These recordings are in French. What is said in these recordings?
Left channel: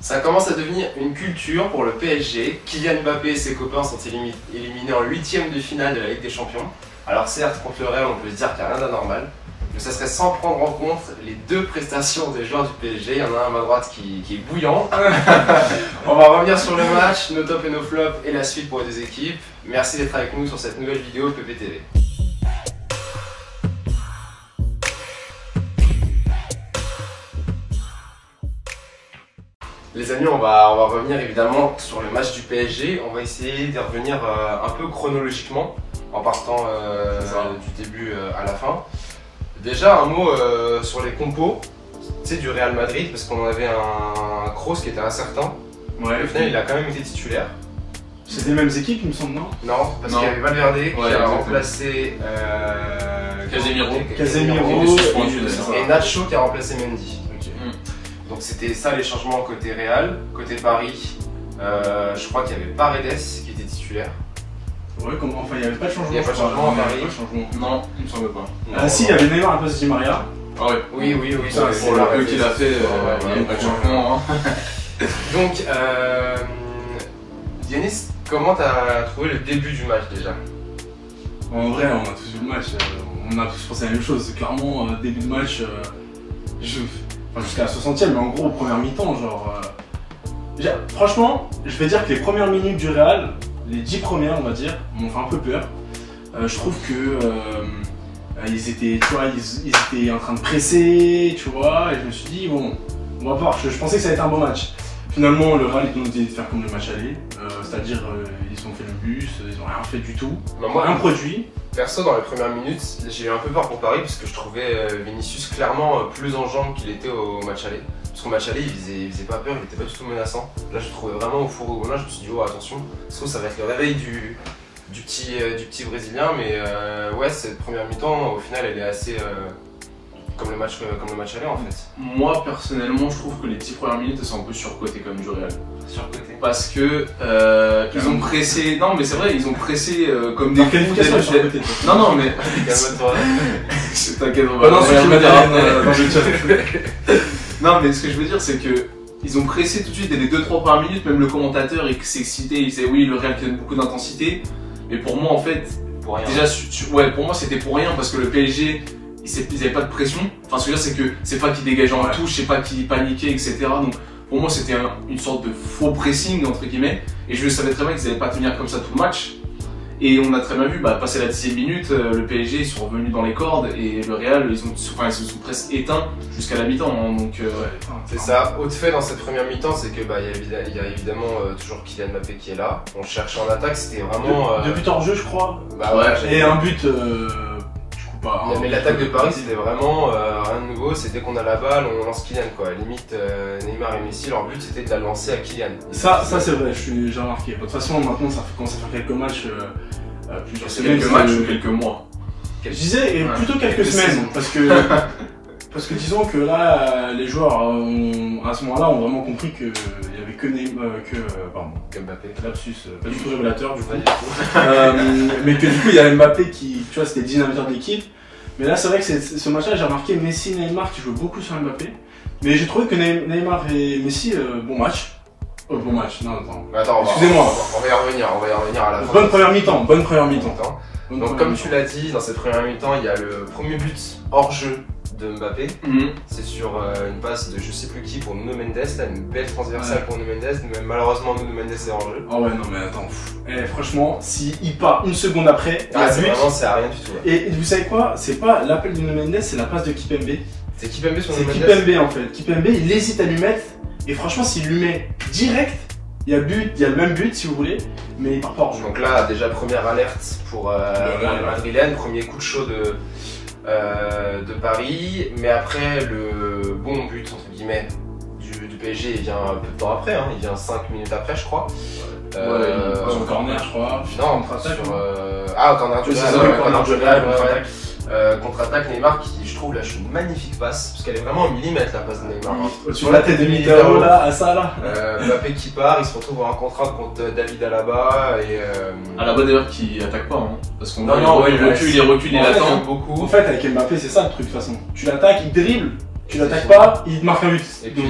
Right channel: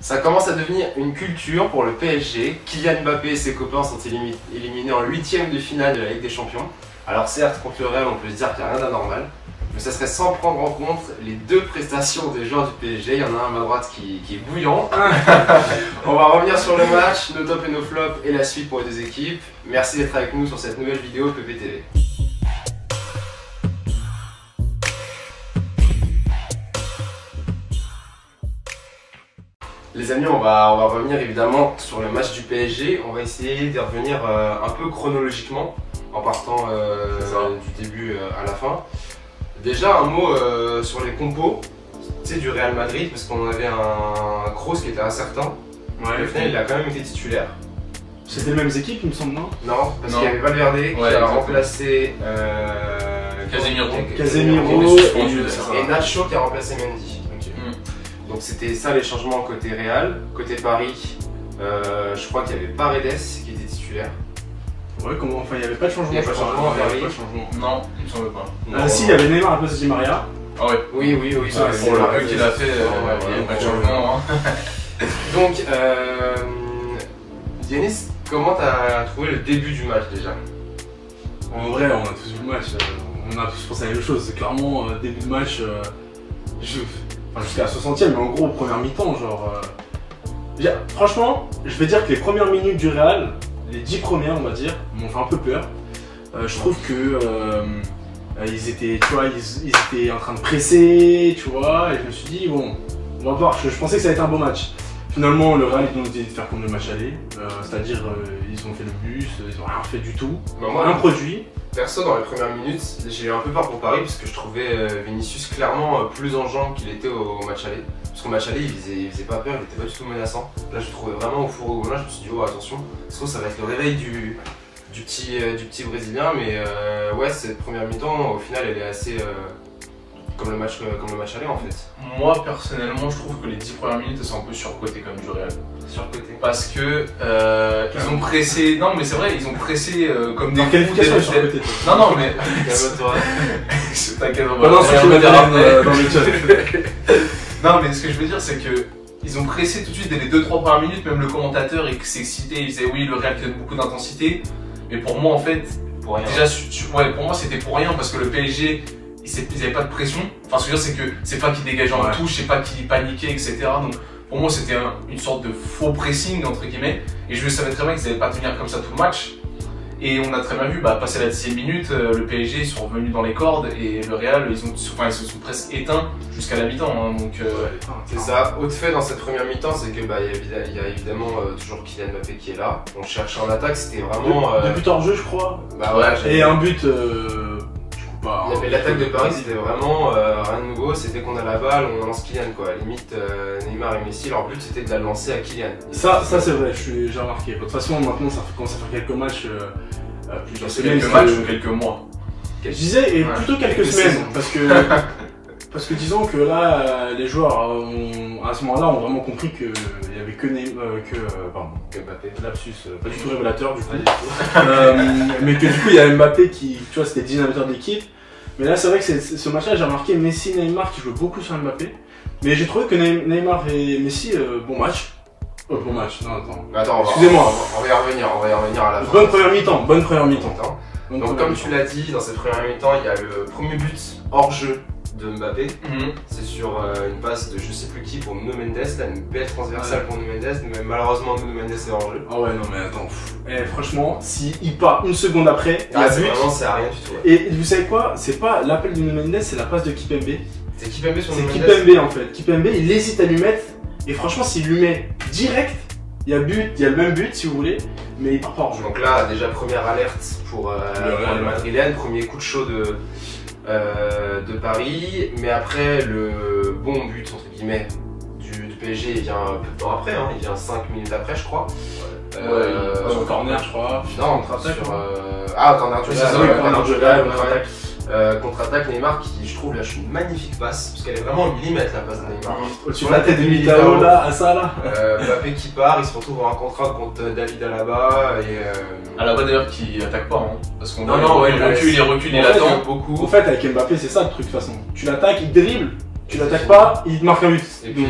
Ça commence à devenir une culture pour le PSG. Kylian Mbappé et ses copains sont éliminés en 8e de finale de la Ligue des Champions. Alors certes, contre le Real, on peut se dire qu'il n'y a rien d'anormal. Mais ça serait sans prendre en compte les deux prestations des joueurs du PSG. Il y en a un à ma droite qui est bouillant. On va revenir sur le match, nos tops et nos flops et la suite pour les deux équipes. Merci d'être avec nous sur cette nouvelle vidéo de PPTV. Les amis, on va revenir évidemment sur le match du PSG. On va essayer d'y revenir un peu chronologiquement, en partant du début à la fin. Déjà, un mot sur les compos du Real Madrid, parce qu'on avait un Kroos qui était incertain. Ouais, au final, il a quand même été titulaire. C'est les mêmes équipes, il me semble, non? Non, parce qu'il y avait Valverde qui a remplacé Casemiro et Nacho qui a remplacé Mendy. Donc c'était ça les changements côté Real. Côté Paris, je crois qu'il y avait Paredes qui était titulaire. Ouais, comment, enfin il n'y avait pas de changement. Il n'y avait pas de changement, Non, il me semble pas. Ah si, il y avait Neymar à la place de Di Maria. Ah ouais. Oui, Ça, pour le peu qu'il a fait, il n'y a pas de changement. Donc, Yanis, comment t'as trouvé le début du match déjà? En vrai, on a tous vu le match, on a tous pensé à la même chose. C'est clairement début de match, enfin jusqu'à la 60e, mais en gros, première mi-temps, genre. Franchement, je vais dire que les premières minutes du Real, les 10 premières, on va dire, m'ont fait un peu peur. Je trouve que ils étaient en train de presser, tu vois, et je me suis dit, bon, on va voir. Je pensais que ça allait être un bon match. Finalement, le Real, ils ont décidé de faire comme le match aller, c'est-à-dire, ils ont fait le bus, ils ont rien fait du tout, un produit. Perso, dans les premières minutes, j'ai eu un peu peur pour Paris parce que je trouvais Vinicius clairement plus en jambes qu'il était au match aller. Parce qu'au match aller, il faisait pas peur, il était pas du tout menaçant. Là, je le trouvais vraiment au four. Là, je me suis dit, oh attention, ça va être le réveil du petit Brésilien. Mais ouais, cette première mi-temps, au final, elle est assez comme le match aller en fait. Moi, personnellement, je trouve que les 10 premières minutes, elles sont un peu surcotées comme du Real. Surcoté. Parce que ils ont pressé. Non, mais c'est vrai, ils ont pressé comme des. Non, non, mais. T'inquiète, on va dans le chat. Non, mais ce que je veux dire, c'est que ils ont pressé tout de suite dès les 2-3 premières minutes. Même le commentateur, il s'excitait, il disait oui, le Real qui a beaucoup d'intensité. Mais pour moi, en fait, pour rien. Déjà, ouais, pour moi, c'était pour rien parce que le PSG. Ils n'avaient pas de pression. Enfin, ce que je veux dire, c'est que c'est pas qu'ils dégageaient en touche, c'est pas qu'ils paniquaient, etc. Donc, pour moi, c'était une sorte de faux pressing, entre guillemets. Et je savais très bien qu'ils n'allaient pas tenir comme ça tout le match. Et on a très bien vu, passer la 10e minute, le PSG, ils sont revenus dans les cordes. Et le Real, ils se sont presque éteints jusqu'à la mi-temps. Hein, donc, c'est ça. Autre fait dans cette première mi-temps, c'est que il y a évidemment toujours Kylian Mbappé qui est là. On cherche en attaque, c'était vraiment. Deux buts hors jeu, je crois. Ouais, et un but. Mais l'attaque de Paris, c'était vraiment rien de nouveau. C'était qu'on a la balle, on lance Kylian quoi. Limite Neymar et Messi, leur but c'était de la lancer à Kylian. Ça c'est vrai, j'ai remarqué. De toute façon, maintenant ça commence à faire quelques matchs. Quelques matchs ou quelques mois. Je disais, et plutôt quelques semaines. Parce que disons que là, les joueurs à ce moment-là ont vraiment compris qu'il n'y avait que Mbappé. Lapsus, pas du tout régulateur du coup. Mais que du coup il y avait Mbappé qui, tu vois, c'était le dynamiteur de l'équipe. Mais là c'est vrai que ce match-là j'ai remarqué Messi et Neymar qui jouent beaucoup sur Mbappé. Mais j'ai trouvé que Neymar et Messi, bon match. Bon match, non attends. Excusez-moi. On va y revenir à la fin. Bonne première mi-temps. Donc comme tu l'as dit, dans cette première mi-temps, il y a le premier but hors jeu de Mbappé. C'est sur une passe de je sais plus qui pour Nuno Mendes, là, une belle transversale pour Nuno Mendes, mais malheureusement Nuno Mendes est hors jeu. Ah ouais non mais attends, franchement, s'il part une seconde après, c'est à rien du tout. Et vous savez quoi, c'est pas l'appel de Nuno Mendes, c'est la passe de Kipembe. C'est Kipembe sur Nuno Mendes. C'est Kipembe en fait. Kipembe il hésite à lui mettre, et franchement s'il lui met direct, il y a le même but si vous voulez, mais il part pas hors jeu. Donc là déjà première alerte pour les Madrilènes, premier coup de chaud de Paris, mais après le bon but entre guillemets du PSG il vient peu de temps après, il vient 5 minutes après je crois. Sur corner je crois. Non, contre-attaque Neymar qui je trouve lâche une magnifique passe parce qu'elle est vraiment au millimètre la passe de Neymar. Sur la tête de Militao là, à ça là. Mbappé qui part, il se retrouve en contrat contre David Alaba et Alaba d'ailleurs qui attaque pas parce qu'on il recule, il attend beaucoup. En fait avec Mbappé c'est ça le truc de toute façon. Tu l'attaques, il dribble Tu l'attaques pas, il te marque un but. Et puis,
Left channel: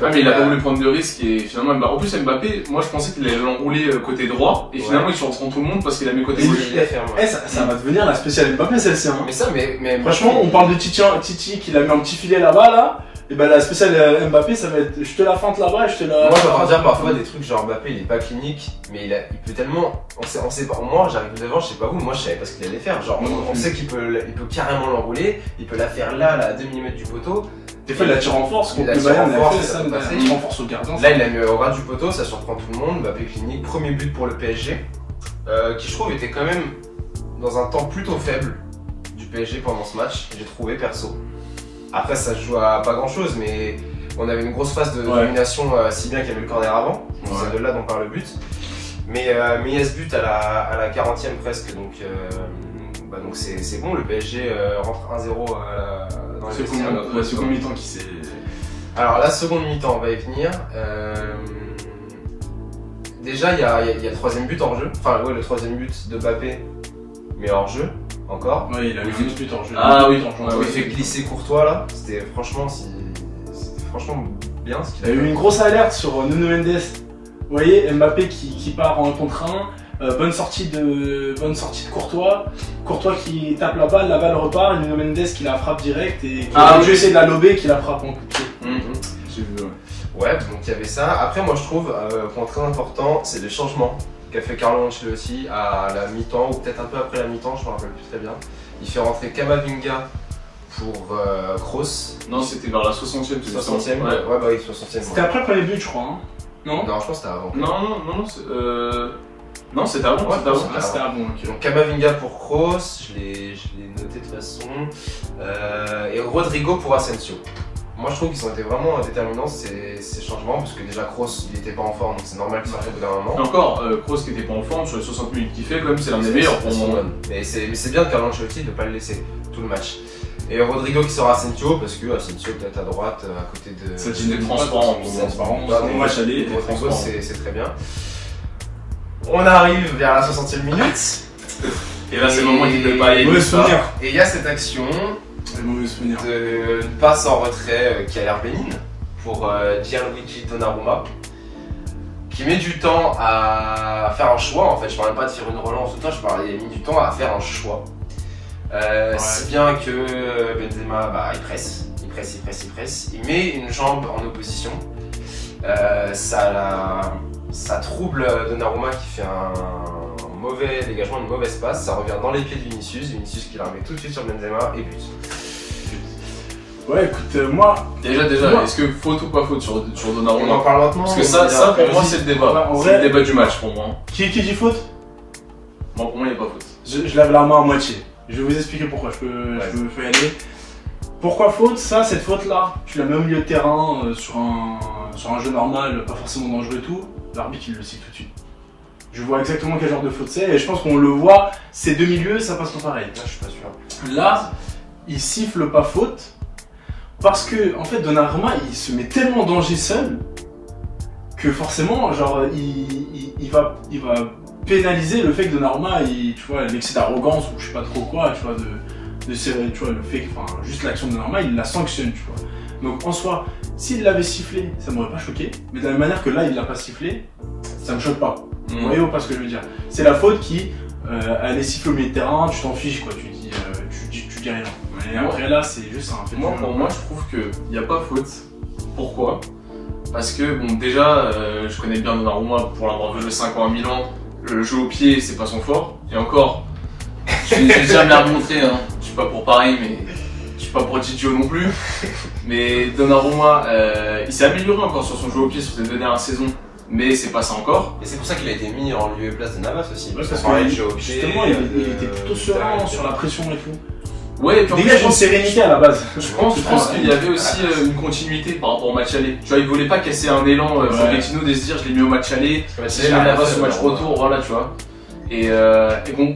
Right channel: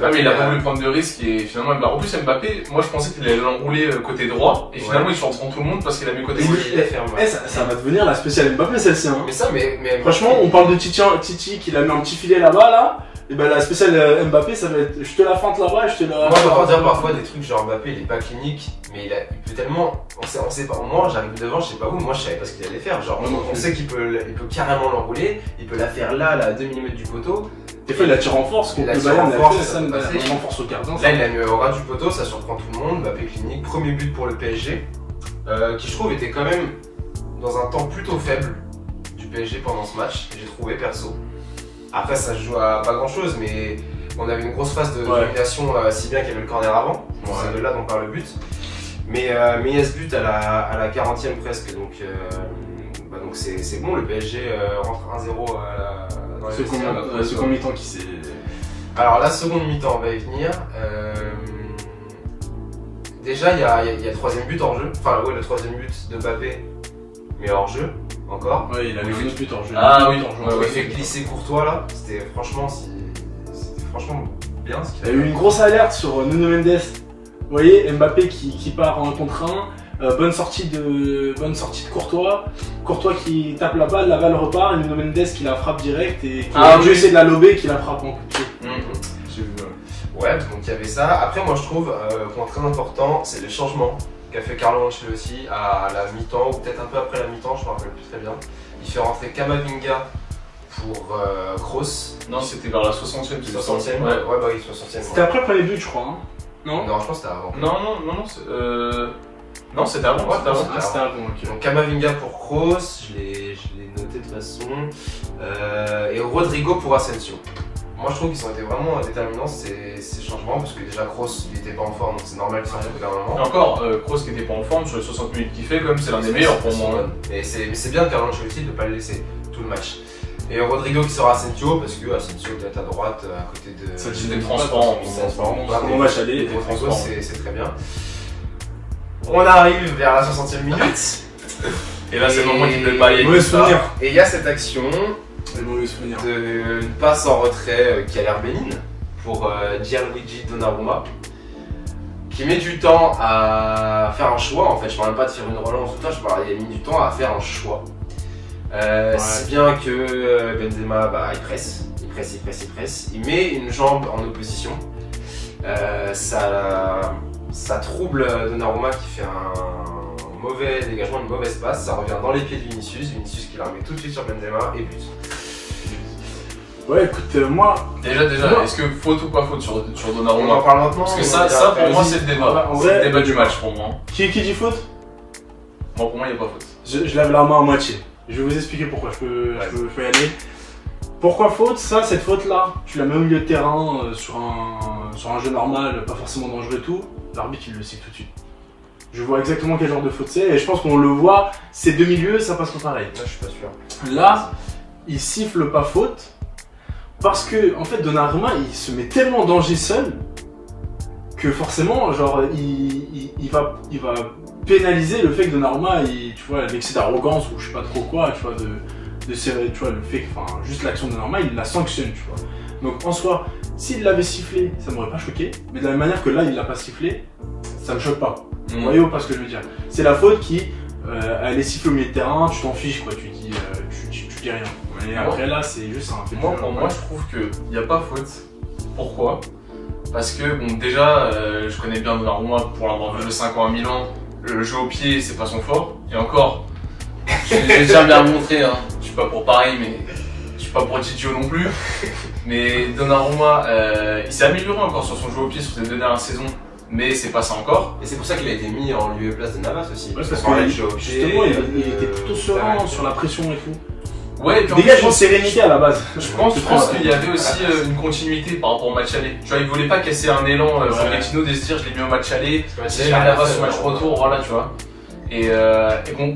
mais il a pas voulu prendre de risque et finalement, en plus Mbappé, moi je pensais qu'il allait l'enrouler côté droit et finalement il se retrouve tout le monde parce qu'il a mis côté gauche. Ça va devenir la spéciale Mbappé celle-ci. Hein. Mais ça, mais franchement, on parle de Titi qui a mis un petit filet là-bas là. Et ben la spéciale Mbappé, ça va être je te la fente là-bas et je te la. Moi j'entends dire parfois des trucs genre Mbappé il est pas clinique, mais il peut tellement. On sait pas. Moi j'arrive devant, je sais pas vous, moi je savais pas ce qu'il allait faire. Genre on sait qu'il peut carrément l'enrouler, il peut la faire là, à 2 mm du poteau. Des fois il la tire en force, il la tire en force, ça tire en force au gardien. Là il l'a mis au ras du poteau, ça surprend tout le monde. Mbappé clinique, premier but pour le PSG, qui je trouve était quand même dans un temps plutôt faible du PSG pendant ce match, j'ai trouvé perso. Après ça se joue à pas grand chose, mais on avait une grosse phase de domination, si bien qu'il y avait le corner avant, donc c'est de là dont part le but. Mais il y a ce but à la 40e presque, donc c'est bon, le PSG rentre 1-0 dans la seconde mi-temps qui s'est... Alors la seconde mi-temps, on va y venir. Déjà il y a le troisième but hors jeu, enfin ouais, le troisième but de Mbappé, mais hors jeu. Encore. Ouais, il a mis 12 buts en jeu. Ah oui, il fait glisser Courtois là. C'était franchement bien ce qu'il a fait. Il y a eu une grosse alerte sur Nuno Mendes. Vous voyez, Mbappé qui part en contre 1. Bonne sortie de Courtois. Courtois qui tape la balle repart. Et Nuno Mendes qui la frappe direct et qui a essayé de la lober et qui la frappe en coup de pied. Ouais, donc il y avait ça. Après, moi je trouve, point très important, c'est les changements qu'a fait Carlo Ancelotti à la mi-temps, ou peut-être un peu après la mi-temps, je me rappelle plus très bien. Il fait rentrer Camavinga pour Kroos. Non, c'était vers la 60e. 60e, ouais, bah oui, 60e. C'était après le premier but, je crois. Hein. Non, je pense que c'était avant. Non, c'était avant. C'était avant. Okay. Donc Camavinga pour Kroos, je l'ai noté de toute façon. Et Rodrigo pour Asensio. Moi je trouve qu'ils ont été vraiment déterminants ces changements parce que déjà Kroos il était pas en forme donc c'est normal qu'il sorte au bout d'un moment. Et encore, Kroos qui était pas en forme sur les 60 minutes qu'il fait quand même c'est l'un des meilleurs pour moi. Mais c'est bien de Carlo Ancelotti de ne pas le laisser tout le match. Et Rodrigo qui sort à Asensio parce que Asensio peut être à droite à côté de... Ça c'est transparent. Bon match aller. Rodrigo c'est très bien. On arrive vers la 60e minute. Et là c'est le moment qu'il ne peut pas aller. Et il y a cette action. Une passe en retrait qui a l'air bénigne pour Gianluigi Donnarumma qui met du temps à faire un choix en fait. Je parlais pas de faire une relance ou tout ça, il a mis du temps à faire un choix. Si bien que Benzema il presse, il met une jambe en opposition. Ça trouble Donnarumma qui fait un mauvais dégagement, une mauvaise passe, ça revient dans les pieds de Vinicius qui la remet tout de suite sur Benzema et but. Ouais, écoute, moi. Déjà, est-ce que faute ou pas faute sur Donnarumma? On en parle maintenant. Parce que ça pour moi, c'est le débat. C'est le débat du match pour moi. Qui dit faute? Bon, pour moi, il n'y a pas faute. Je lave la main à moitié. Je vais vous expliquer pourquoi. Je peux y aller. Pourquoi faute? Cette faute-là, tu la mets au milieu de terrain sur un jeu normal, pas forcément dangereux et tout. L'arbitre, il le sait tout de suite. Je vois exactement quel genre de faute c'est et je pense qu'on le voit. Ces deux milieux, ça passe pas pareil. Là, je suis pas sûr. Là, il siffle pas faute. Parce que, en fait, Donnarumma, il se met tellement en danger seul que forcément, genre, il va pénaliser le fait que Donnarumma, tu vois, l'excès d'arrogance ou je sais pas trop quoi, tu vois, tu vois, le fait que, enfin, juste l'action de Donnarumma, il la sanctionne, tu vois. Donc, en soi, s'il l'avait sifflé, ça m'aurait pas choqué, mais de la même manière que là, il l'a pas sifflé, ça me choque pas. Vous voyez ou pas ce que je veux dire? C'est la faute qui, elle est sifflée au milieu de terrain, tu t'en fiches, quoi, tu dis rien. Et après là, c'est juste un fait. Moi, je trouve qu'il n'y a pas faute. Pourquoi? Parce que, bon, déjà, je connais bien Donnarumma pour l'avoir joué 5 ans à Milan. Le jeu au pied, c'est pas son fort. Et encore, j'ai déjà bien remontré, hein. Je suis pas pour Paris, mais je suis pas pour Gigio non plus. Mais Donnarumma, il s'est amélioré encore sur son jeu au pied sur ces 2 dernières saisons. Mais c'est pas ça encore. Et c'est pour ça qu'il a été mis en lieu et place de Navas aussi. Ouais, parce que justement, il était plutôt serein sur la pression et tout. Ouais, dégage une sérénité à la base. Je pense qu'il y avait aussi une continuité par rapport au match aller. Tu vois, il voulait pas casser un élan Pochettino de se dire je l'ai mis au match aller, si je mets Navas au match retour, voilà, tu vois. Et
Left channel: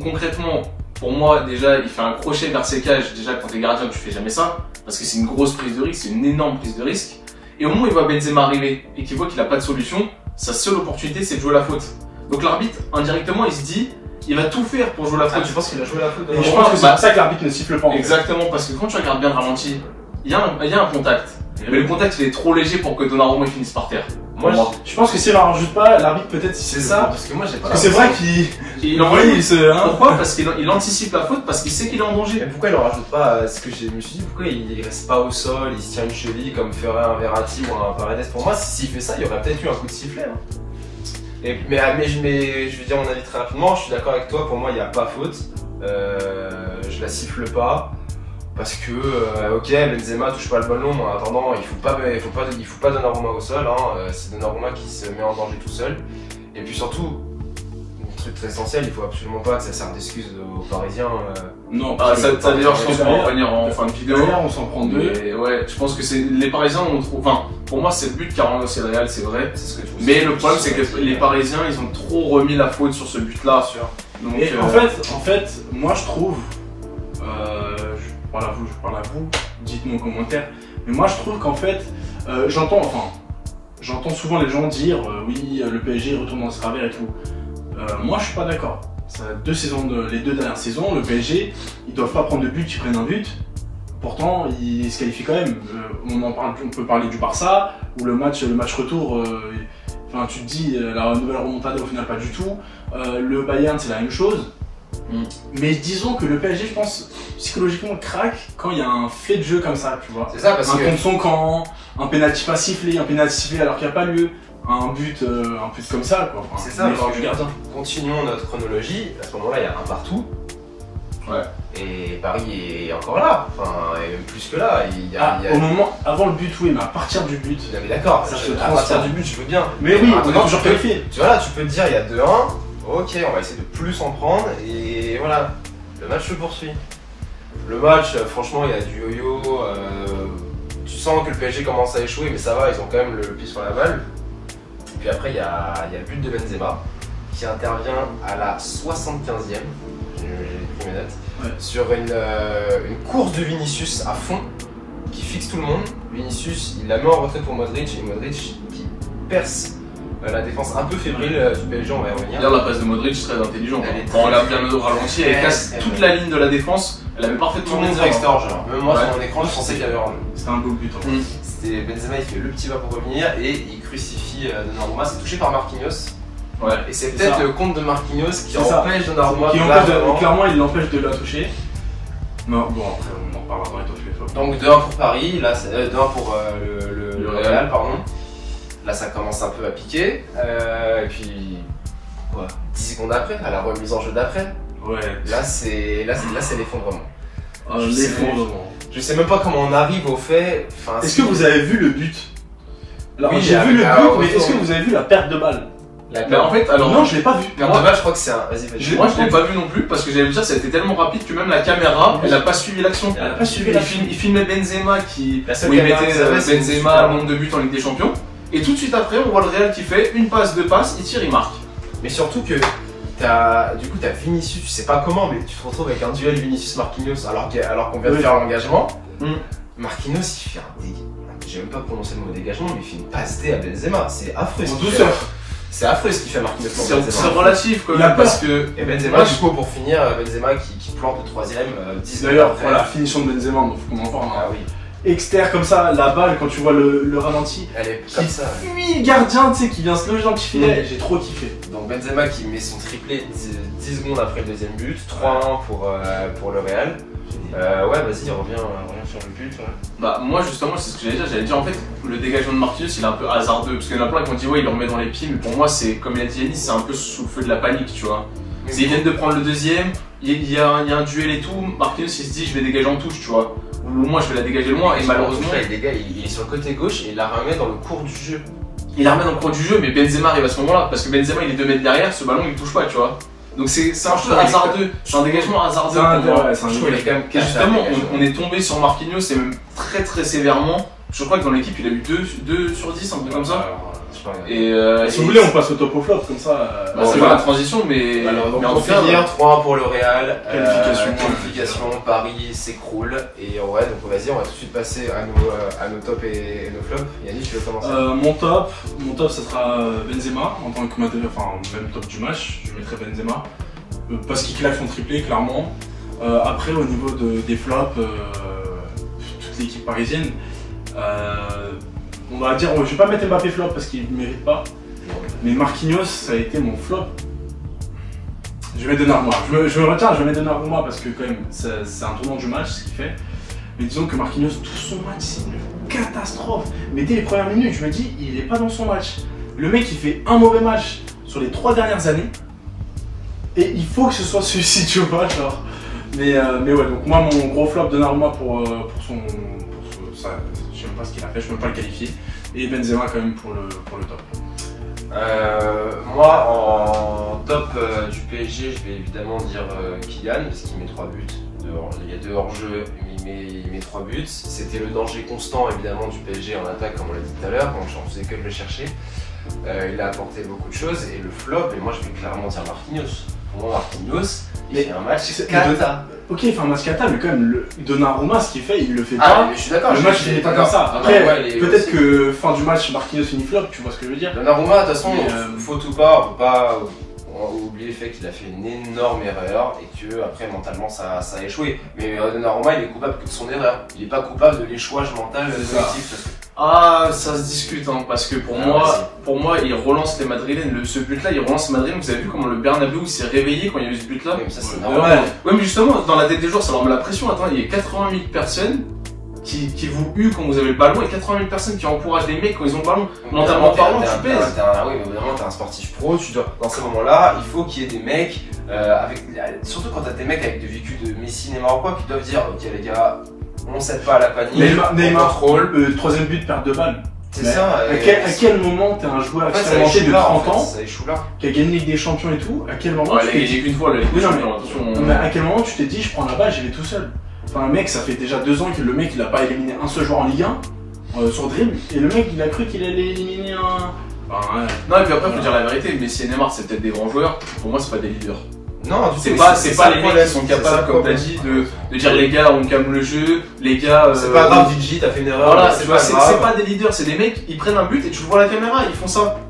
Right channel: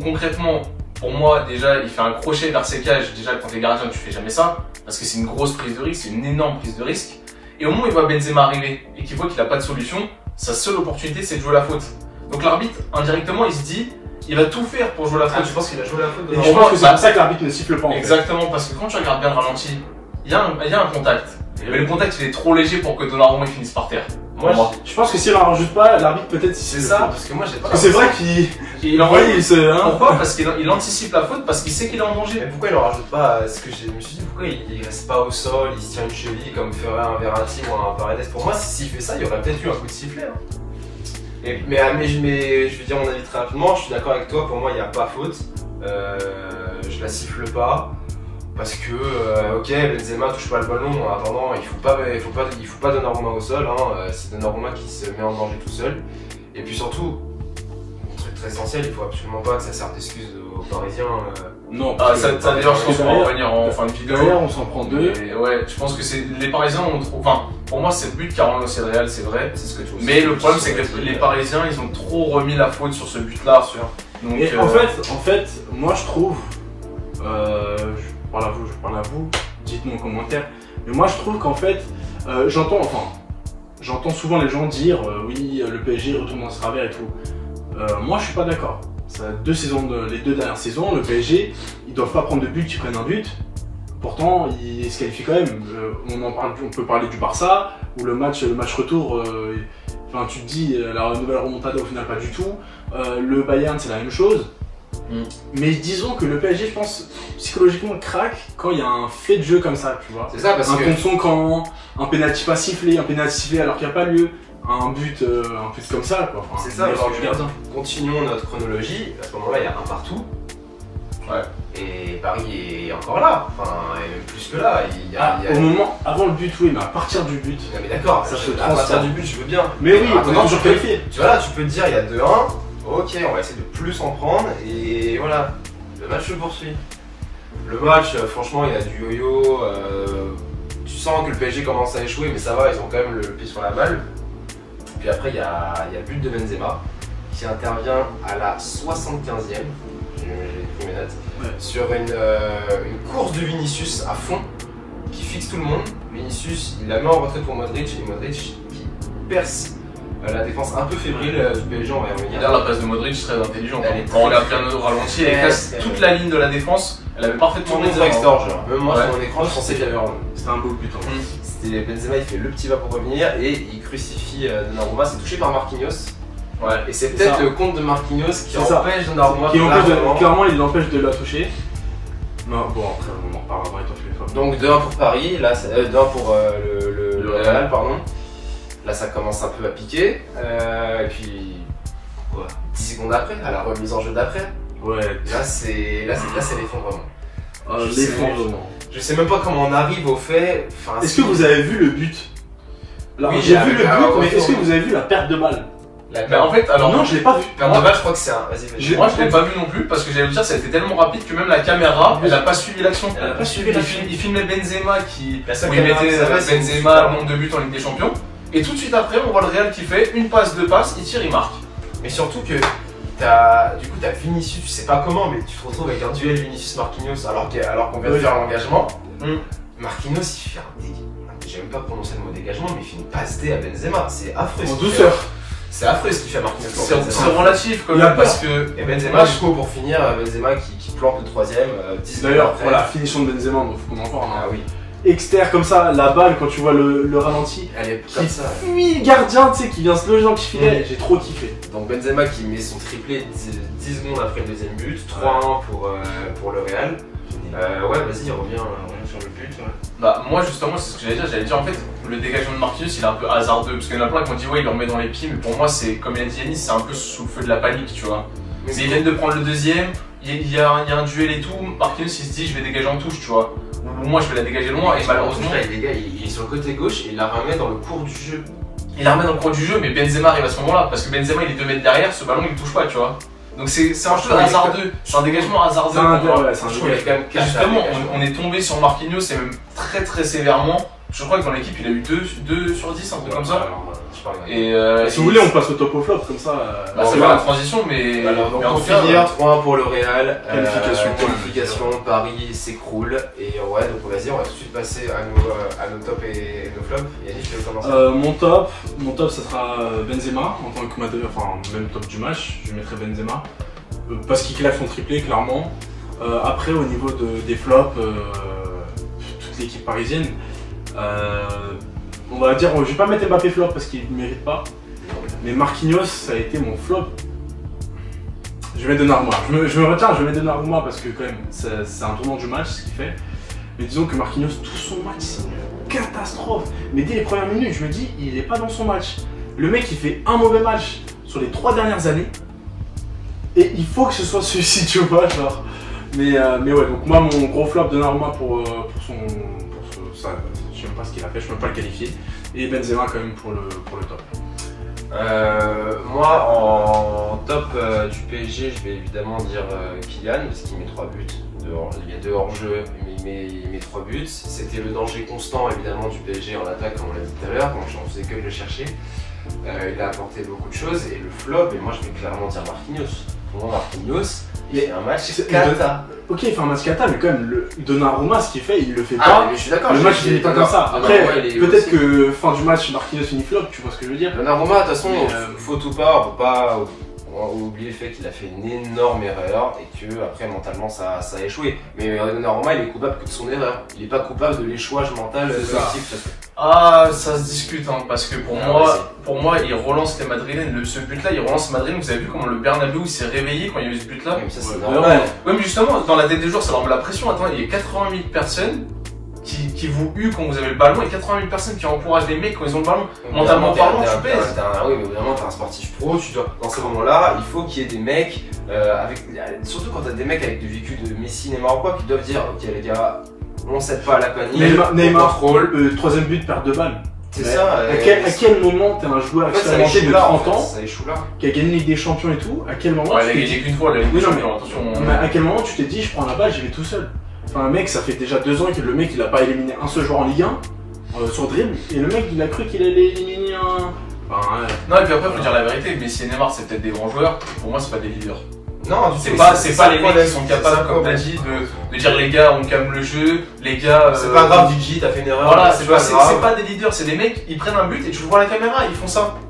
concrètement, pour moi, déjà, il fait un crochet vers ses cages. Déjà, quand t'es gardien, tu fais jamais ça, parce que c'est une grosse prise de risque, c'est une énorme prise de risque. Et au moment où il voit Benzema arriver et qu'il voit qu'il a pas de solution, sa seule opportunité, c'est de jouer la faute. Donc l'arbitre, indirectement, il se dit, il va tout faire pour jouer la faute. Tu penses qu'il a joué la faute? Je pense que c'est pour ça que l'arbitre ne siffle pas. Exactement, parce que quand tu regardes bien le ralenti, il y a un contact. Mais le contact il est trop léger pour que Donnarumma il finisse par terre. Moi, je pense que si on en rajoute pas, l'arbitre peut-être C'est ça, parce que moi j'ai pas. Parce que c'est vrai qu'il envoie, il se. Hein, pourquoi? Parce qu'il anticipe la faute, parce qu'il sait qu'il est en danger. Mais pourquoi il en rajoute pas? Ce que je me suis dit, pourquoi il reste pas au sol, il se tient une cheville comme ferait un Verratti ou un Paredes? Pour moi, s'il fait ça, il y aurait peut-être eu un coup de sifflet. Hein. Mais je vais dire mon avis très rapidement, je suis d'accord avec toi, pour moi il n'y a pas faute. Je la siffle pas. Parce que, ok, Benzema touche pas le ballon, en attendant, il faut pas Donnarumma au sol, hein, c'est Donnarumma qui se met en danger tout seul. Et puis surtout, un truc très essentiel, il faut absolument pas que ça serve d'excuse aux Parisiens. Non, ça d'ailleurs, je pense qu'on va en revenir en fin de vidéo. D'ailleurs, on s'en prend deux. Mais ouais, je pense que c'est les Parisiens, enfin, pour moi, c'est le but car c'est le Real, c'est vrai. C'est ce que je mais le problème, c'est que les Parisiens, ils ont trop remis la faute sur ce but-là. Donc, en fait, moi je trouve. Je parle à vous, dites-nous en commentaire. Mais moi je trouve qu'en fait, j'entends souvent les gens dire oui, le PSG retourne dans ce travers et tout. Moi je suis pas d'accord. Les deux dernières saisons, le PSG, ils doivent pas prendre de but, ils prennent un but. Pourtant, ils se qualifient quand même. On peut parler du Barça, où le match retour, tu te dis, la nouvelle remontada au final pas du tout. Le Bayern, c'est la même chose. Mais disons que le PSG, je pense, psychologiquement craque quand il y a un fait de jeu comme ça, tu vois. C'est ça, parce un que. contre son camp, un penalty pas sifflé, un penalty sifflé alors qu'il n'y a pas lieu, un but comme ça, quoi. Enfin, c'est ça, alors, continuons notre chronologie. À ce moment-là, il y a un partout. Ouais. Et Paris est encore là. Enfin, plus que là. Au moment, avant le but, oui, mais à partir du but. Non, mais d'accord, à partir du but, je veux bien. Mais oui, on est toujours qualifié. Tu vois, là, tu peux te dire, il y a 2-1. Ok, on va essayer de plus en prendre et voilà, le match se poursuit. Le match, franchement, il y a du yo-yo. Tu sens que le PSG commence à échouer, mais ça va, ils ont quand même le pied sur la balle. Puis après, il y a le but de Benzema qui intervient à la 75e, j'ai pris mes notes, sur une course de Vinicius à fond qui fixe tout le monde. Vinicius, il la met en retrait pour Modric et Modric qui perce. La défense un peu fébrile du PSG, on va y revenir. D'ailleurs, la passe de Modric est très intelligente. Quand on regarde bien au ralenti, elle casse toute la ligne de la défense. Elle avait parfaitement tourné direct hors jeu. Même moi, sur mon écran, je pensais qu'il avait rendu. C'était un beau but. C'était Benzema, il fait le petit pas pour revenir et il crucifie Donnarumma. C'est touché par Marquinhos. Ouais. Et c'est peut-être le compte de Marquinhos qui empêche Donnarumma. Clairement, il l'empêche de la toucher. Non, bon, après, on en reparlera dans donc 2-1 pour Paris, là, 2-1 pour le Real, pardon. Là, ça commence un peu à piquer. Et puis, quoi, 10 secondes après, à la remise en jeu d'après. Ouais. Là, c'est l'effondrement. L'effondrement. Je sais même pas comment on arrive au fait. Enfin, est-ce que vous avez vu le but? Oui, j'ai vu le but, mais est-ce que vous avez vu la perte de balle? Mais en fait, alors non, je l'ai pas vu. Perte de balle, je crois que c'est un. Vas-y. Moi, je l'ai pas vu non plus parce que j'allais dire, ça a été tellement rapide que même la caméra, elle a pas suivi l'action. Elle a pas suivi l'action. Il filmait Benzema où il mettait Benzema nombre de buts en Ligue des Champions. Et tout de suite après, on voit le Real qui fait une passe, deux passes, il tire, il marque. Mais surtout que t'as Vinicius, tu sais pas comment, mais tu te retrouves avec un duel Vinicius-Marquinhos alors qu'on vient de faire l'engagement. Marquinhos, il fait un dégagement. J'ai même pas prononcé le mot dégagement, mais il fait une passe D à Benzema. C'est affreux ce qu'il fait. C'est affreux ce qu'il fait Marquinhos pour Benzema. C'est relatif quand même parce que. Et Benzema, du coup, pour finir, Benzema qui plante le troisième. D'ailleurs, la finition de Benzema, donc faut qu'on en parle. Ah oui. Externe comme ça, la balle quand tu vois le ralenti, elle est comme ça. Fuit le gardien, tu sais, qui vient se loger dans le petit filet, j'ai trop kiffé. Donc Benzema qui met son triplé 10 secondes après le deuxième but, 3-1 pour le Real. Ouais, vas-y, reviens sur le but. Ouais. Bah, moi justement, c'est ce que j'allais dire en fait, le dégagement de Marquinhos il est un peu hasardeux, parce qu'il y en a plein qui ont dit ouais, il le remet dans les pieds, mais pour moi, c'est comme il a dit Yanis, c'est un peu sous le feu de la panique, tu vois. Ils viennent de prendre le deuxième, il y a un duel et tout, Marquinhos il se dit je vais dégager en touche, tu vois. Moi je vais la dégager loin et malheureusement il est sur le côté gauche et il la remet dans le cours du jeu. Il la remet dans le cours du jeu, mais Benzema arrive à ce moment-là parce que Benzema il est 2 mètres derrière, ce ballon il touche pas, tu vois. Donc c'est un jeu hasardeux, c'est un dégagement hasardeux. C'est un jeu, il est quand même caché. Justement, on est tombé sur Marquinhos et même très très sévèrement. Je crois que dans l'équipe il a eu 2 sur 10, un truc comme ça. Et si vous voulez, on passe au top au flop comme ça. C'est pas la transition, mais. Donc pour finir, 3-1 pour le Real. Qualification, Paris s'écroule. Et ouais, donc vas-y, on va tout de suite passer à nos tops et nos flops. Yannick, je vais commencer. Mon top, ça sera Benzema en tant que même top du match. Je mettrai Benzema parce qu'il claque son triplé, clairement. Après, au niveau des flops. toute l'équipe parisienne. On va dire, je vais pas mettre Mbappé flop parce qu'il ne mérite pas. Mais Marquinhos, ça a été mon flop. Je vais donner Donnarumma. Je me retiens, je vais mettre Donnarumma parce que quand même, c'est un tournant du match ce qu'il fait. Mais disons que Marquinhos, tout son match, c'est une catastrophe. Mais dès les premières minutes, je me dis, il n'est pas dans son match. Le mec, il fait un mauvais match sur les 3 dernières années. Et il faut que ce soit celui-ci, tu vois, genre. Mais ouais, donc moi, mon gros flop Donnarumma pour ça, je sais pas ce qu'il a fait, je peux pas le qualifier. Et Benzema quand même pour le top. Moi, en top du PSG, je vais évidemment dire Kylian, parce qu'il met 3 buts. Il y a 2 hors-jeu, il met 3 buts. C'était le danger constant, évidemment, du PSG en attaque, comme on l'a dit tout à l'heure, donc j'en faisais que de le chercher. Il a apporté beaucoup de choses, et le flop, et moi je vais clairement dire Marquinhos. Pour moi, Marquinhos, il fait un match cata. Ok, il fait un match cata, mais quand même, Donnarumma, ce qu'il fait, il le fait pas. pas. Mais je suis d'accord. Le match, il n'est pas comme ça. Après, peut-être aussi. que fin du match, Marquinhos finit flop, tu vois ce que je veux dire. Donnarumma, de toute façon, faut tout pas, on peut pas oublier le fait qu'il a fait une énorme erreur et que après mentalement ça a échoué. Mais Donnarumma, il est coupable que de son erreur. Il n'est pas coupable de l'échouage mental de l'équipe. Ah, ça se discute, hein, parce que pour moi, il relance les Madrilènes. Ce but-là, il relance les Madrilènes. Vous avez vu comment le Bernabéu s'est réveillé quand il y a eu ce but-là? Oui, mais ça c'est normal. Oui, mais justement, dans la tête des joueurs, ça leur met la pression. Attends, il y a 80 000 personnes qui vous huent quand vous avez le ballon et 80 000 personnes qui encouragent les mecs quand ils ont le ballon. Mentalement parlant, tu pèses. Oui, mais vraiment, t'es un sportif pro. Tu dois, dans ces moments-là, il faut qu'il y ait des mecs, surtout quand t'as des mecs avec des vécus de Messi, Neymar ou quoi, qui doivent dire, ok les gars, on cède pas à la panique, on contrôle. Troisième but, perte de balle. C'est ça. À quel moment t'es un joueur expérimenté de 30 ans qui a gagné la Ligue des Champions et tout? À quel moment? Il a gagné qu'une fois la Ligue des Champions, attention. Mais à quel moment tu t'es dit, je prends la balle, j'y vais tout seul? Enfin, un mec, ça fait déjà 2 ans que le mec il a pas éliminé un seul joueur en Ligue 1 sur dribble, et le mec il a cru qu'il allait éliminer un. Enfin, non, et puis après, faut dire la vérité, Messi et Neymar c'est peut-être des grands joueurs, pour moi c'est pas des leaders. Non, c'est pas les mecs qui sont capables, comme t'as dit, de dire les gars on calme le jeu, les gars. C'est pas grave, DJ, t'as fait une erreur. Voilà, c'est pas des leaders, c'est des mecs, ils prennent un but et tu le vois à la caméra, ils font ça.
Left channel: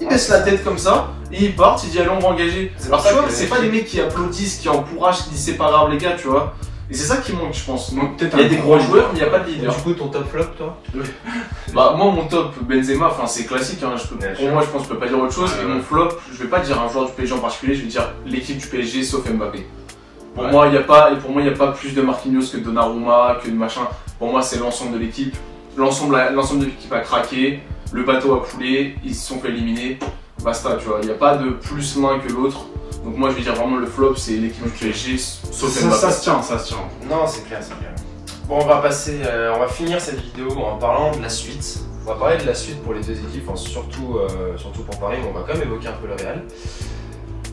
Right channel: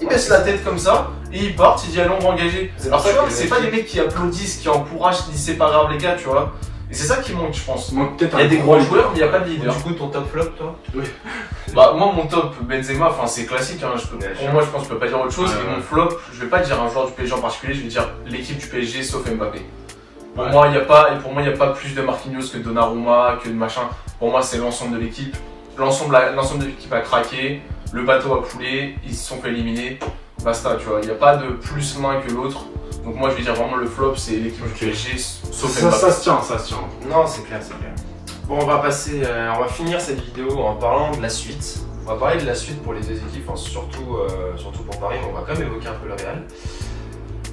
Ils baissent la tête comme ça, et ils partent, ils disent allez on va engager. Alors tu vois, c'est pas des mecs qui applaudissent, qui encouragent, qui disent c'est pas grave les gars, tu vois. Et c'est ça qui manque, je pense. Il y a des gros joueurs, mais il n'y a pas de leader. Du coup, ton top flop, toi? Bah, moi, mon top Benzema, enfin, c'est classique, hein. Pour moi, je pense que je peux pas dire autre chose. Et mon flop, je vais pas dire un joueur du PSG en particulier, je vais dire l'équipe du PSG sauf Mbappé. Pour moi, il n'y a pas plus de Marquinhos que de Donnarumma, que de machin. Pour moi, c'est l'ensemble de l'équipe. L'ensemble de l'équipe a craqué, le bateau a coulé, ils se sont fait éliminer. Basta, tu vois. Il n'y a pas de plus l'un que l'autre. Donc moi je vais dire vraiment le flop c'est l'équipe du PSG sauf Mbappé. Ça se tient. Non c'est clair. Bon on va finir cette vidéo en parlant de la suite. On va parler de la suite pour les deux équipes, enfin, surtout pour Paris, mais on va quand même évoquer un peu le Real.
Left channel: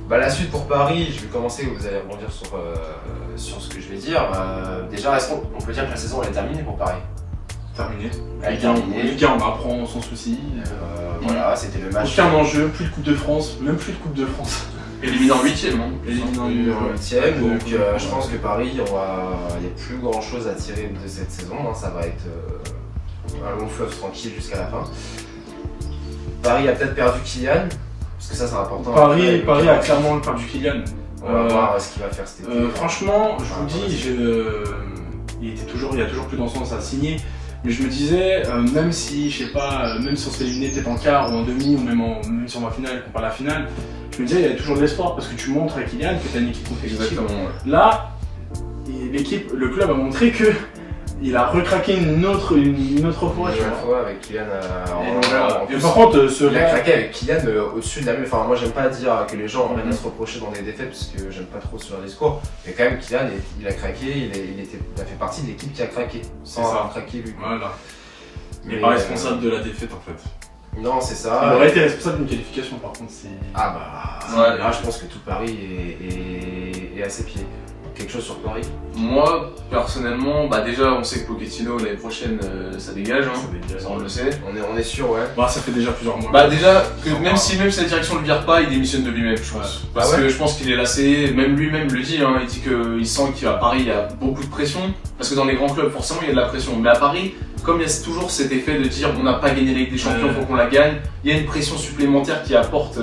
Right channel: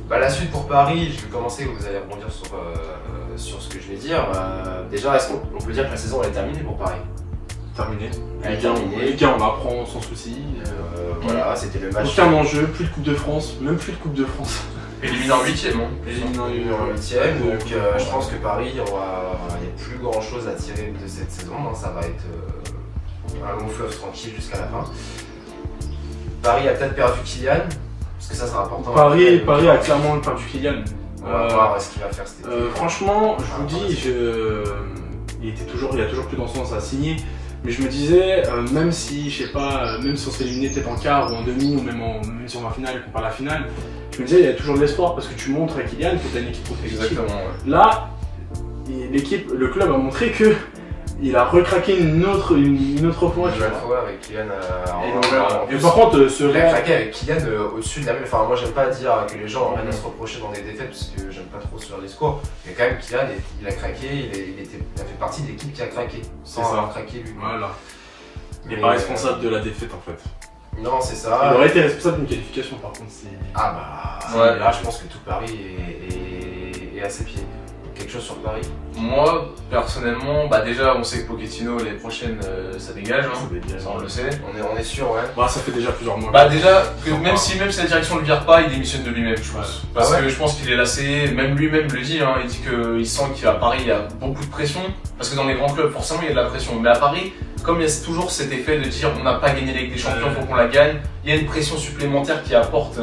Bah, la suite pour Paris, je vais commencer, vous allez rebondir sur ce que je vais dire. Déjà on peut dire que la saison elle est terminée pour Paris. Elle est terminée. Les gars on apprend sans souci. Voilà, c'était le match. Aucun enjeu, plus de Coupe de France, même plus de Coupe de France. Éliminé en 8ème. Éliminé en 8ème, donc je pense que Paris, il n'y a plus grand chose à tirer de cette saison. Hein. Ça va être un long fleuve tranquille jusqu'à la fin. Paris a peut-être perdu Kylian, parce que ça c'est important. Paris a clairement perdu Kylian. On va voir ce qu'il va faire cet été. Franchement, je vous dis, il y a toujours plus d'ensemble à signer. Mais je me disais, même si, je sais pas, même si on s'est éliminé peut-être en quart ou en demi, ou même si on va en finale et qu'on perd la finale, je me disais, il y a toujours de l'espoir parce que tu montres à Kylian que tu as une équipe compétitive. Exactement. Là, le club a montré que il a recraqué une autre fois. Une fois avec Kylian. Par contre, il a craqué avec Kylian au-dessus de la mêle. Enfin, moi j'aime pas dire que les gens viennent à se reprocher dans des défaites parce que j'aime pas trop ce genre de discours. Mais quand même, Kylian, il a craqué, il a fait partie de l'équipe qui a craqué. Sans avoir craqué lui. Voilà. Mais pas responsable de la défaite en fait. Non, c'est ça. Il aurait été responsable d'une qualification par contre. Ah bah. Ouais. Là, je pense que tout Paris est à ses pieds. Quelque chose sur Paris? Moi, personnellement, bah déjà, on sait que Pochettino l'année prochaine, ça dégage, hein. Ça, on le sait. On est sûr, ouais. Bah, ça fait déjà plusieurs mois. Bah déjà, même si la direction ne le vire pas, il démissionne de lui-même, je pense. Parce que je pense qu'il est lassé, même lui-même le dit, hein, il dit qu'il sent qu'à Paris, il y a beaucoup de pression. Parce que dans les grands clubs, forcément, il y a de la pression. Mais à Paris, comme il y a toujours cet effet de dire on n'a pas gagné la Ligue des Champions, faut qu'on la gagne, il y a une pression supplémentaire qui apporte.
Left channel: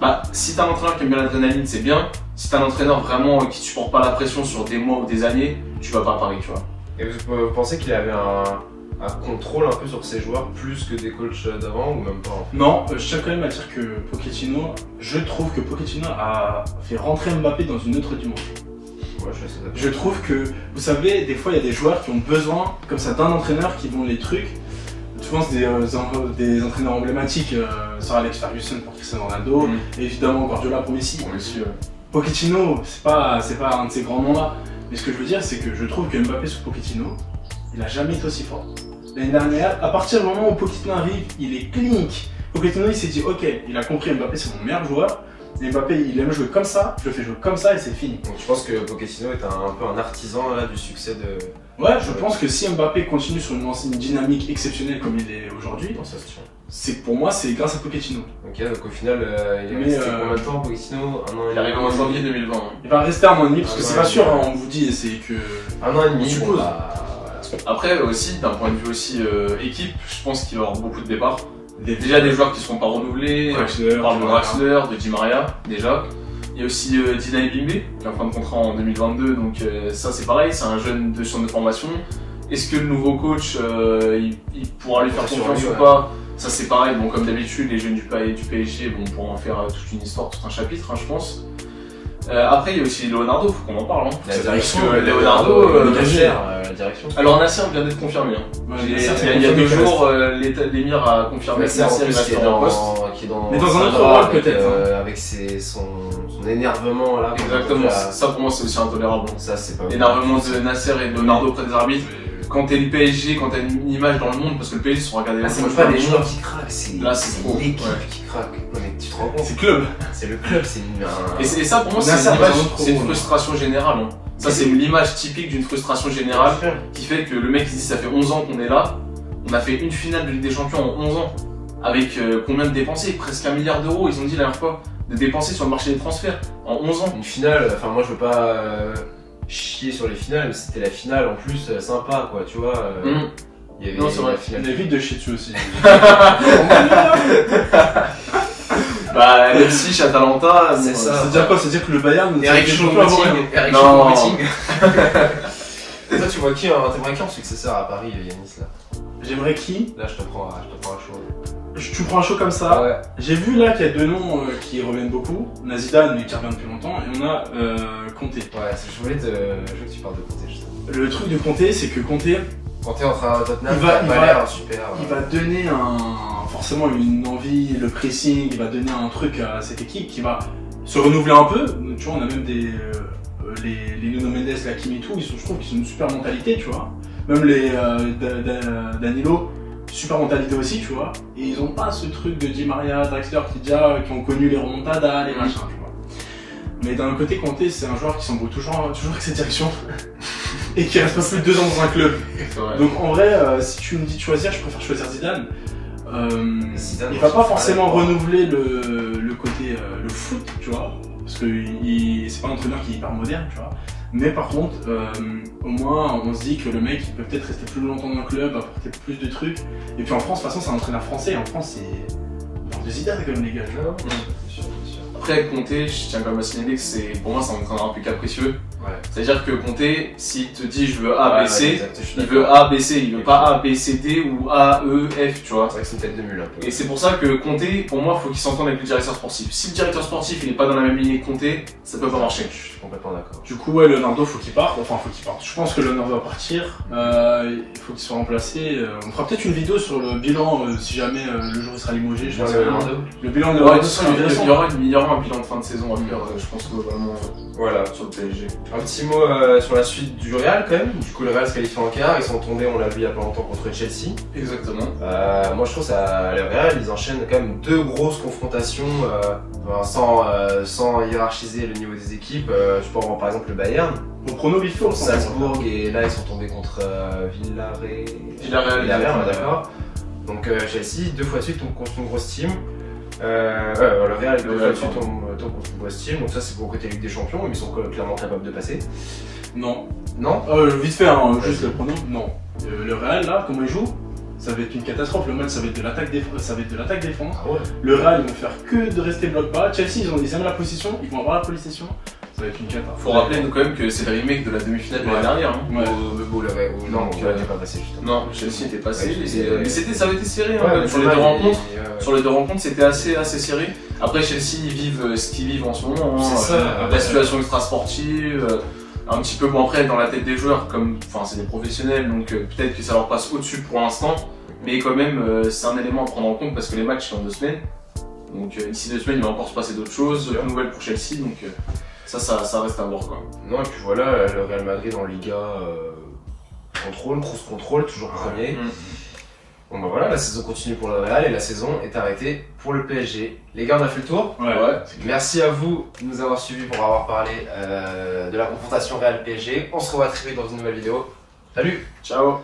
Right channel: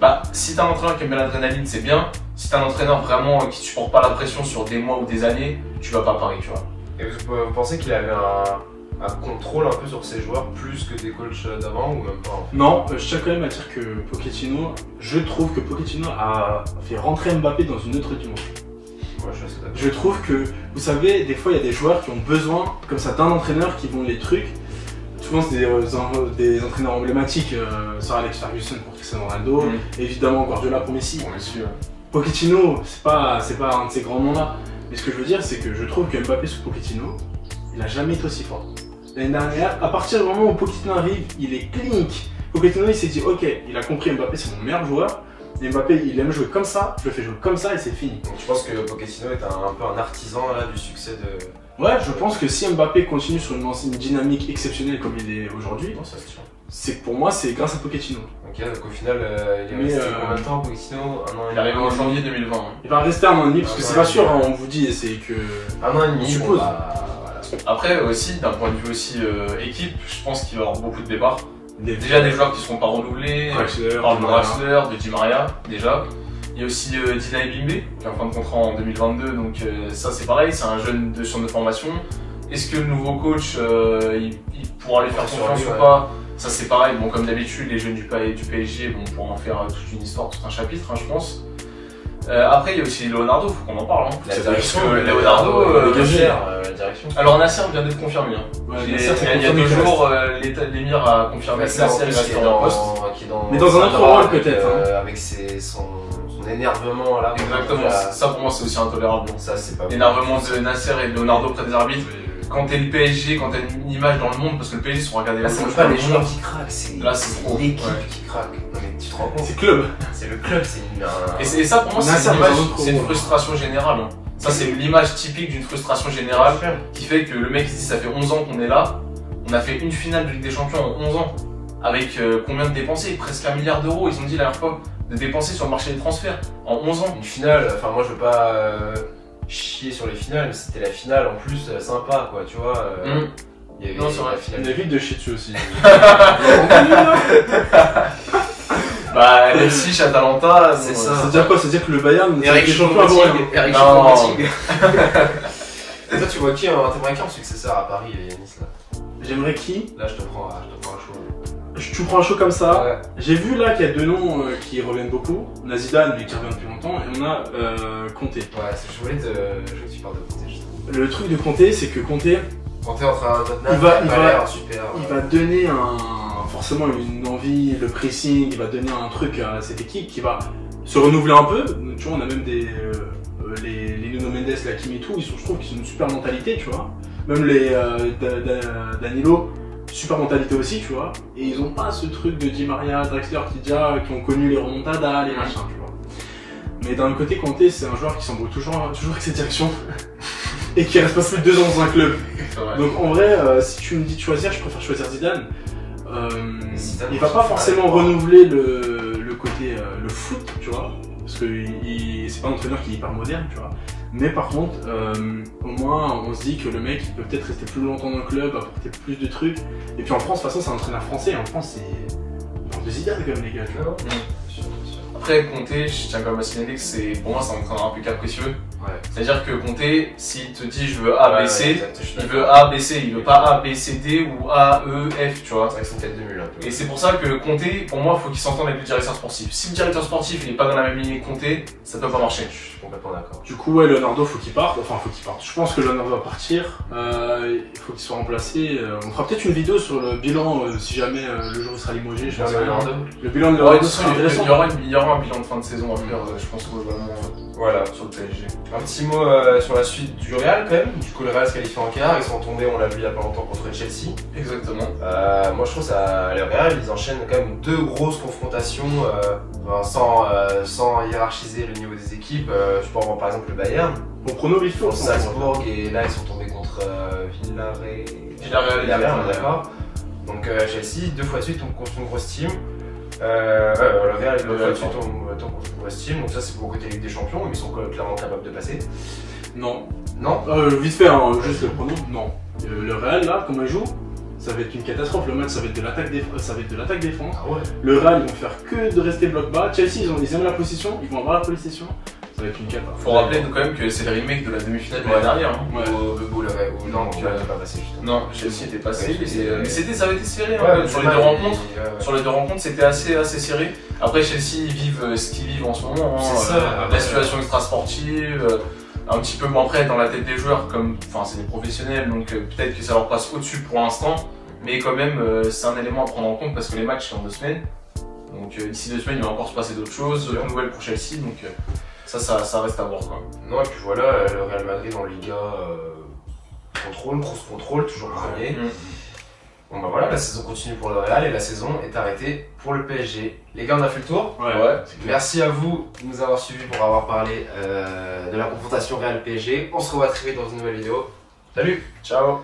Bah, si t'as un entraîneur qui aime bien l'adrénaline, c'est bien. Si t'as un entraîneur vraiment qui supporte pas la pression sur des mois ou des années, tu vas pas à Paris, tu vois. Et vous pensez qu'il avait un contrôle un peu sur ses joueurs plus que des coachs d'avant ou même pas en fait? Non, je tiens quand même à dire que Pochettino, je trouve que Pochettino a fait rentrer Mbappé dans une autre dimension. Ouais, je suis assez d'accord. Je trouve que, vous savez, des fois il y a des joueurs qui ont besoin, comme ça, d'un entraîneur qui vont les trucs. Souvent c'est des entraîneurs emblématiques, Sir Alex Ferguson pour Cristiano Ronaldo, évidemment Guardiola pour Messi. Pochettino, c'est pas un de ces grands noms-là. Mais ce que je veux dire, c'est que je trouve que Mbappé sous Pochettino, il a jamais été aussi fort. L'année dernière, à partir du moment où Pochettino arrive, il est clinique. Pochettino, il s'est dit, ok, il a compris Mbappé, c'est mon meilleur joueur. Et Mbappé, il aime jouer comme ça, je le fais jouer comme ça et c'est fini. Donc je pense que Pochettino est un peu un artisan là, du succès de... Ouais, je pense que si Mbappé continue sur une dynamique exceptionnelle comme il est aujourd'hui, dans sa situation. c'est pour moi, c'est grâce à Pochettino. Ok, donc au final, il est resté combien de temps Pochettino? Un an et Il arrive en janvier 2020. Il va rester un an et demi, parce que c'est pas sûr, hein, on vous dit, c'est que... Un an et demi, On bon suppose. bah... Après aussi, d'un point de vue aussi équipe, je pense qu'il va y avoir beaucoup de départs. Déjà des joueurs qui ne seront pas renouvelés, Draxler, on parle de Draxler, de Di Maria déjà. Il y a aussi Dina Ebimbe, qui a un fin de contrat en 2022, donc ça c'est pareil, c'est un jeune de centre de formation. Est-ce que le nouveau coach, il pourra lui faire confiance ou pas? Ça c'est pareil, bon comme d'habitude, les jeunes du PSG pourront en faire toute une histoire, tout un chapitre, hein, je pense. Après il y a aussi Leonardo, faut qu'on en parle. Hein. La direction, Leonardo, Nasser, la direction. Alors Nasser vient d'être confirmé. Hein. Ouais, Il y a 2 jours, l'émir a confirmé que Nasser qui est dans le poste. Mais dans un autre rôle peut-être. Avec son énervement là. Exactement, ça pour moi c'est aussi intolérable. Ça c'est pas L'énervement de Nasser et de Leonardo près des arbitres. Quand t'es le PSG, quand t'as une image dans le monde, parce que le PSG se regarder là, c'est pas les joueurs qui craquent, c'est l'équipe qui craque. Non mais tu te rends compte? C'est club. C'est le club, c'est une... Et ça pour moi c'est une frustration générale. Hein. Ça c'est l'image typique d'une frustration générale qui fait que le mec il dit ça fait 11 ans qu'on est là, on a fait une finale de Ligue des Champions en 11 ans. Avec combien de dépensés? Presque 1 milliard d'euros, ils ont dit la dernière fois, de dépenser sur le marché des transferts en 11 ans. Une finale, enfin moi je veux pas chier sur les finales, mais c'était la finale en plus sympa quoi, tu vois. Il y avait la finale. Il évite de chier dessus aussi. Bah Leipzig, Atalanta, c'est ça. C'est-à-dire quoi? C'est-à-dire que le Bayern... Eric Choupo-Moting. Toi tu vois qui en successeur à Paris et Nice là? J'aimerais qui? Là je te prends à chaud. Tu prends un show comme ça. Ouais. J'ai vu là qu'il y a 2 noms qui reviennent beaucoup. On a Zidane, mais qui revient depuis longtemps, et on a Conte. Ouais, je voulais que tu parles de Conte justement. Le truc de Conte, c'est que Conte, Conte entre Tottenham, il va donner forcément une envie, le pressing, il va donner un truc à cette équipe qui va se renouveler un peu. Tu vois, on a même les Nuno Mendes, la Kimi, tout, je trouve qu'ils ont une super mentalité, tu vois. Même les Danilo. Super mentalité aussi, tu vois, et ils ont pas ce truc de Di Maria, Draxler, qui ont connu les remontadas, les machins, tu vois. Mais d'un autre côté, Conte, c'est un joueur qui s'embrouille toujours avec ses directions et qui reste pas plus de 2 ans dans un club. Donc en vrai, si tu me dis de choisir, je préfère choisir Zidane. Il va pas forcément renouveler le côté le foot, tu vois, parce que c'est pas un entraîneur qui est hyper moderne, tu vois. Mais par contre, au moins, on se dit que le mec il peut peut-être rester plus longtemps dans le club, apporter plus de trucs. Et puis en France, de toute façon, c'est un entraîneur français. En France, c'est. On parle de Zidane quand même, les gars. Après, Conte, je tiens quand même à signaler que pour moi, c'est un entraîneur un peu capricieux. Ouais. C'est-à-dire que Conte, s'il te dit je veux A, B, C, il veut A, B, C, il veut pas A, B, C, D ou A, E, F, tu vois. C'est vrai que c'est une tête de mule un peu. Et c'est pour ça que Conte, pour moi, il faut qu'il s'entende avec le directeur sportif. Si le directeur sportif il est pas dans la même ligne que Conte, ça peut pas marcher. Je suis complètement d'accord. Du coup, ouais, Leonardo, faut qu'il parte. Enfin, faut qu'il parte. Je pense que Leonardo va partir. Il faut qu'il soit remplacé. On fera peut-être une vidéo sur le bilan si jamais le jour il sera limogé. Le bilan de Leonardo sera intéressant. Il y aura un bilan de fin de saison à faire, je pense, globalement. Voilà, sur le PSG. Un petit mot sur la suite du Real quand même. Du coup, le Real se qualifie en quart. Ils sont tombés, on l'a vu il y a pas longtemps, contre Chelsea. Exactement. Moi, je trouve ça, le Real, ils enchaînent quand même 2 grosses confrontations sans hiérarchiser le niveau des équipes. Je peux en voir par exemple le Bayern. Mon prono vite fait. Salzbourg et là, ils sont tombés contre Villarreal, on est d'accord. Donc Chelsea, 2 fois de suite, tombe contre une grosse team. Le Real, 2 fois de suite, tombe contre une grosse team. Donc ça, c'est pour le côté Ligue des Champions, mais ils sont clairement capables de passer. Non. Non Vite fait, hein, juste le pronom. Non. Le Real, là, comment il joue, ça va être une catastrophe. Le match, ça va être de l'attaque défense. Ah ouais. Le Real, ils vont faire que de rester bloc bas. Chelsea, ils aiment la possession, ils vont avoir la possession. Ça va être une cata. Faut rappeler quand même que c'est le remake de la demi-finale de l'année dernière. Hein. Ouais. Non, tu n'es pas passé justement. Non, Chelsea était passé. Ouais, Mais ça avait été serré Ouais, hein, sur les deux rencontres. ouais. Sur les deux rencontres, c'était assez serré. Après, Chelsea, ils vivent ce qu'ils vivent en ce moment. Hein. C'est ça. La situation extra-sportive, un petit peu moins près dans la tête des joueurs, comme, enfin, c'est des professionnels, donc peut-être que ça leur passe au-dessus pour l'instant. Mais quand même, c'est un élément à prendre en compte parce que les matchs sont en 2 semaines. Donc d'ici 2 semaines, il va encore se passer d'autres choses, d'autres nouvelles pour Chelsea. Donc ça reste à voir. Quoi. Non, et puis voilà, le Real Madrid en Liga cross contrôle, toujours premier. Bon bah voilà, la saison continue pour le Real et la saison est arrêtée pour le PSG. Les gars, on a fait le tour. Ouais. Merci à vous de nous avoir suivis pour avoir parlé de la confrontation Real PSG. On se revoit très vite dans une nouvelle vidéo. Salut. Ciao.